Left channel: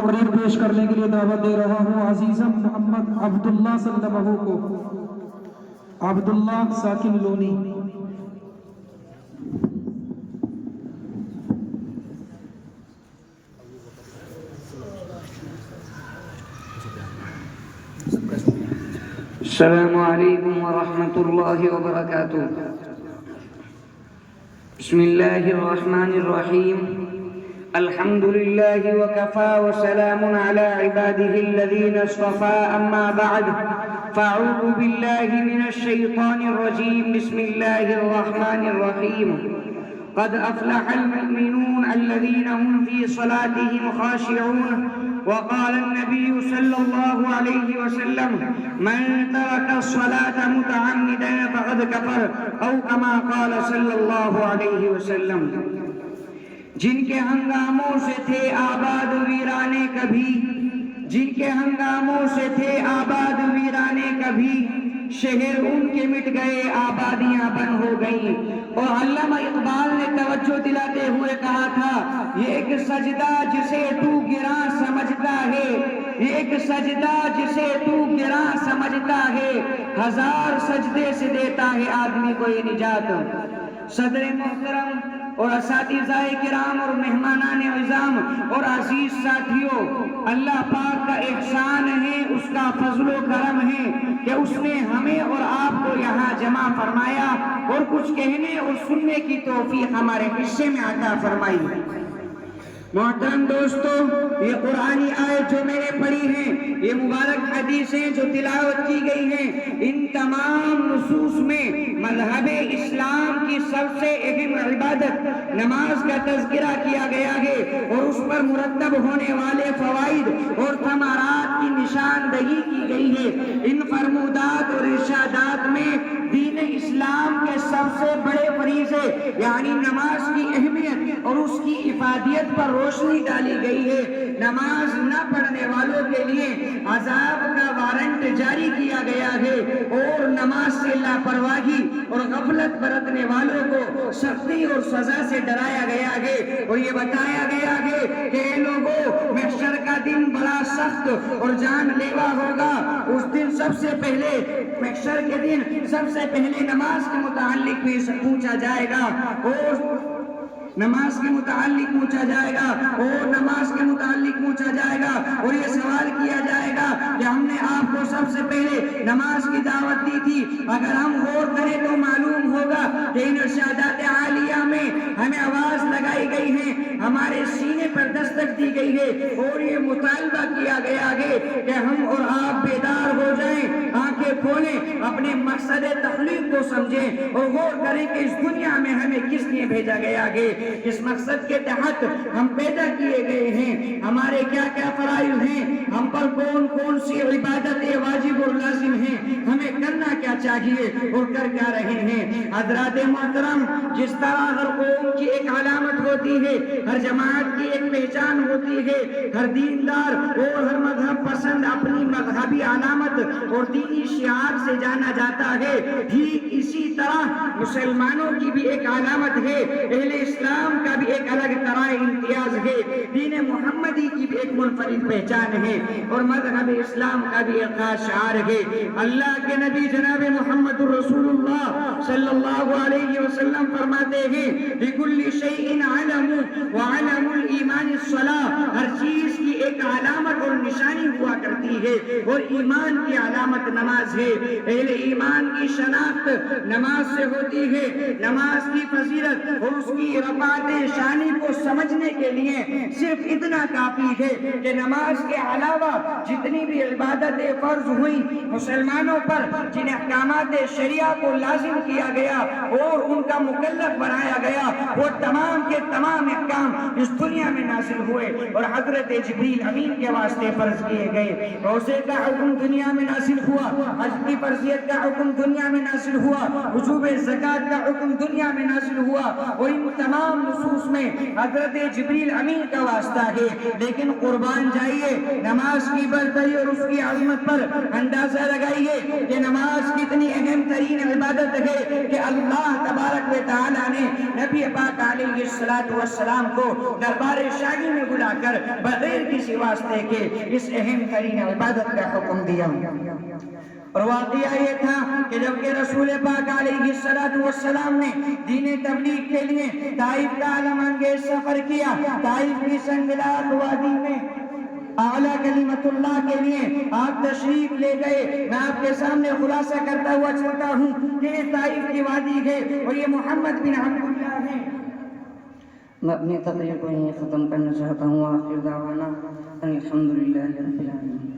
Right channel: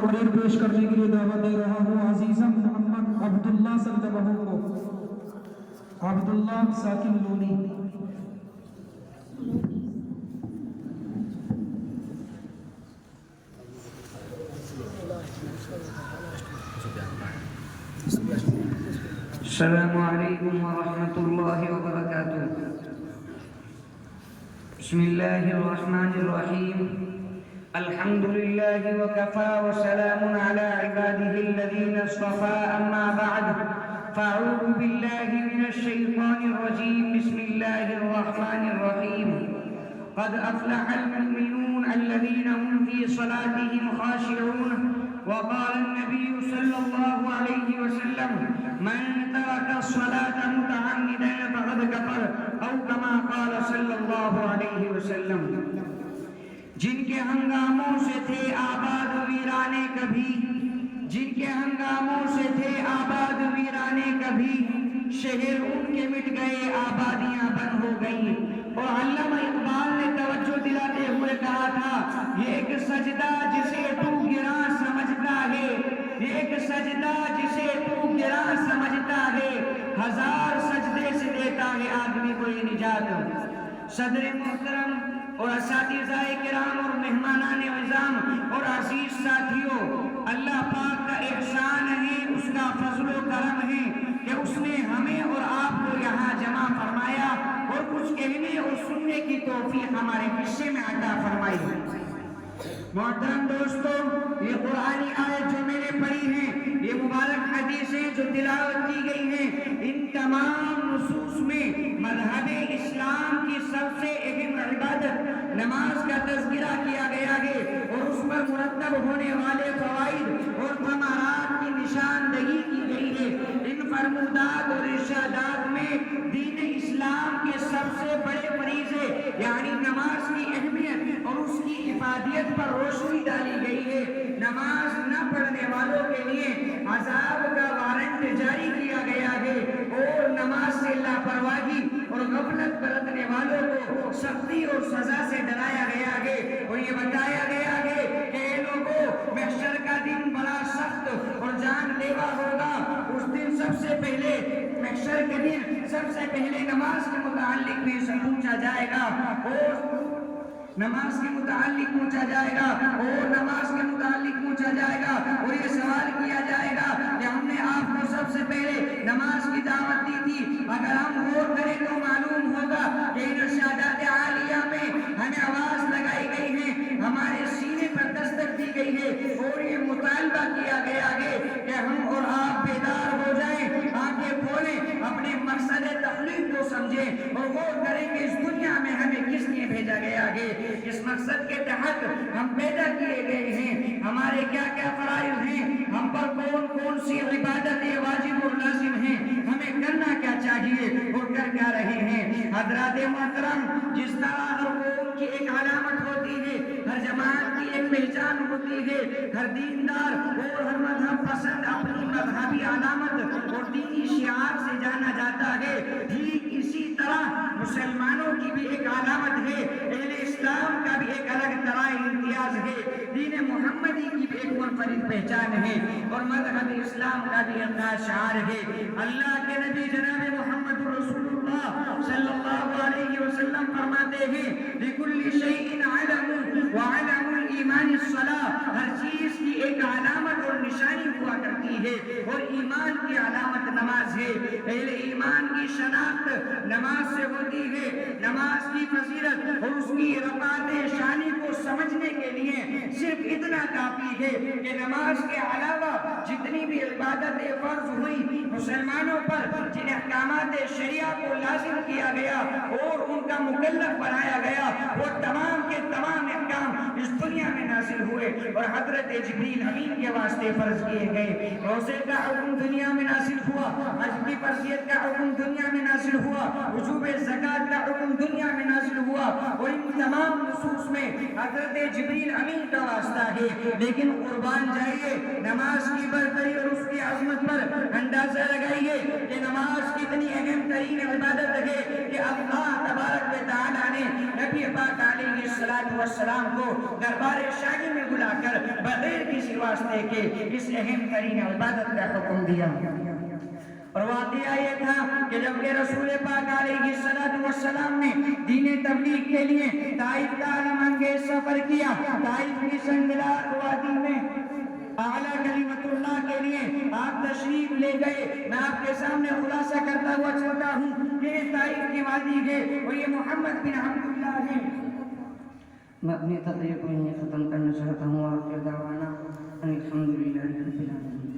تقریر پیش کرنے کے لیے دعوت دے رہا ہوں عزیزم محمد عبداللہ صدبہو کو، عبداللہ ساکن لونی۔ السلام علیکم ورحمۃ اللہ وبرکاتہ۔ بسم اللہ الرحمن الرحیم۔ الحمد للہ وکفى وسلام علی عباده الذین اصطفى، اما بعد فاعوذ باللہ من الشیطان الرجیم۔ بسم اللہ الرحمن الرحیم۔ قد افلح المؤمنون الذین هم فی صلاتهم خاشعون، وقال النبي صلى الله عليه وسلم من ترك الصلاة متعمدا فقد كفر، او كما قال صلى الله عليه وسلم۔ جن کے ہنگاموں سے تھے آباد ویرانے کبھی، جن کے ہنگاموں سے تھے آباد ویرانے کبھی، شہر ان کے مٹ گئے آبادیاں بن ہو گئیں۔ اور علامہ اقبال نے توجہ دلاتے ہوئے کہا تھا، یہ ایک سجدہ جسے تو گراں سمجھتا ہے، یہ ایک سجدہ جسے تو گراں سمجھتا ہے، ہزار سجدے سے دیتا ہے آدمی کو یہ نجات۔ صدر محترم اور اساتذہ کرام اور مہمانان عظام اور عزیز ساتھیوں، اللہ پاک کا احسان ہے، اس کا فضل و کرم ہے کہ اس نے ہمیں اور آپ کو یہاں جمع فرمایا اور کچھ کہنے اور سننے کی توفیق ہمارے حصے میں عطا فرمائی۔ محترم دوستو، یہ قرآنی آیت جو میں نے پڑھی ہیں، یہ مبارک حدیثیں جو تلاوت کی گئی ہیں، ان تمام نصوص میں مذہب اسلام کی سب سے اہم عبادت نماز کا تذکرہ کیا گیا ہے، اور اس پر مرتب ہونے والے فوائد اور ثمرات کی نشاندہی کی گئی ہے۔ ان فرمودات اور ارشادات میں دین اسلام کے سب سے بڑے فریضے یعنی نماز کی اہمیت اور اس کی افادیت پر روشنی ڈالی گئی ہے۔ نماز نہ پڑھنے والوں کے لیے عذاب کا وارنٹ جاری کیا گیا ہے، اور نماز سے لاپرواہی اور غفلت برتنے والوں کو سختی اور سزا سے ڈرایا گیا ہے، اور یہ بتایا گیا ہے کہ اے لوگوں، محشر کا دن بڑا سخت اور جان لیوا ہوگا۔ اس دن سب سے پہلے محشر کے دن سب سے پہلے نماز کے متعلق بھی پوچھا جائے گا، اور نماز کے متعلق پوچھا جائے گا، اور نماز کے متعلق پوچھا جائے گا، اور یہ سوال کیا جائے گا کہ ہم نے آپ کو سب سے پہلے نماز کی دعوت دی تھی۔ اگر ہم غور کریں تو معلوم ہوگا کہ ان ارشادات عالیہ میں ہمیں آواز لگائی گئی ہے، ہمارے سینے پر دستک دی گئی ہے، اور یہ مطالبہ کیا گیا ہے کہ ہم اور آپ بیدار ہو جائیں، آنکھیں کھولیں، اپنے مقصد تخلیق کو سمجھیں، اور غور کریں کہ اس دنیا میں ہمیں کس لیے بھیجا گیا ہے، اس مقصد کے تحت ہم پیدا کیے گئے ہیں، ہمارے کیا کیا فرائض ہیں، ہم پر کون کون سی عبادتیں واجب اور لازم ہیں، ہمیں کرنا کیا چاہیے اور کر کیا رہے ہیں۔ حضرات محترم، جس طرح ہر قوم کی ایک علامت ہوتی ہے، ہر جماعت کی ایک پہچان ہوتی ہے، ہر دیندار اور ہر مذہب پسند اپنی مذہبی علامت اور دینی شعار سے جانا جاتا ہے، ٹھیک اسی طرح مسلمانوں کی بھی ایک علامت ہے، اہل اسلام کا بھی ایک الگ طرح امتیاز ہے، دین محمدی کی بھی ایک منفرد پہچان ہے، اور مذہب اسلام کا بھی ایک خاص شعار ہے۔ اللہ کے نبی جناب محمد رسول اللہ صلی اللہ علیہ وسلم فرماتے ہیں، لِكُلِّ شَيْءٍ عَلَمٌ وَعَلَمُ الْإِيمَانِ الصَّلَاةُ، ہر چیز کی ایک علامت اور نشانی ہوا کرتی ہے، اور ایمان کی علامت نماز ہے۔ اہل ایمان کی شناخت نماز سے ہوتی ہے۔ نماز کی فضیلت اور اس کی رفعت شانی کو سمجھنے کے لیے صرف اتنا کافی ہے کہ نماز کے علاوہ جتنی بھی عبادتیں فرض ہوئیں مسلمانوں پر، جن احکامات شریعہ کو لازم کیا گیا اور ان کا مکلف بنایا گیا، وہ تمام کے تمام احکام اس دنیا میں نازل ہوئے اور حضرت جبریل امین کے واسطے فرض کیے گئے۔ روزے کا حکم دنیا میں نازل ہوا، حج کی فرضیت کا حکم دنیا میں نازل ہوا، وجوب زکوٰۃ کا حکم دنیا میں نازل ہوا، اور ان تمام نصوص میں حضرت جبریل امین کا واسطہ ہے۔ لیکن قربان جائیے نماز کی برتری اور اس کی عظمت پر اندازہ لگائیے کہ نماز کتنی اہم ترین عبادت ہے کہ اللہ تبارک و تعالیٰ نے نبی پاک علیہ السلام کو دربار شاہی میں بلا کر بغیر کسی واسطے کے اس اہم ترین عبادت کا حکم دیا۔ اور واقعہ یہ تھا کہ جب کہ رسول پاک علیہ السلام نے دین تبلیغ کے لیے طائف کا عالم انگیز سفر کیا، طائف کی سنگلاخ وادی میں اعلیٰ کلمت اللہ کے لیے آپ تشریف لے گئے۔ میں آپ کے سامنے خلاصہ کرتا ہوا چلتا ہوں کہ طائف کی وادی ہے اور یہ محمد بن عبداللہ ہے۔ میں اپنی تقریر کو یہیں ختم کرنا چاہتا ہوں۔ آخر دعوانا ان الحمدللہ رب العالمین۔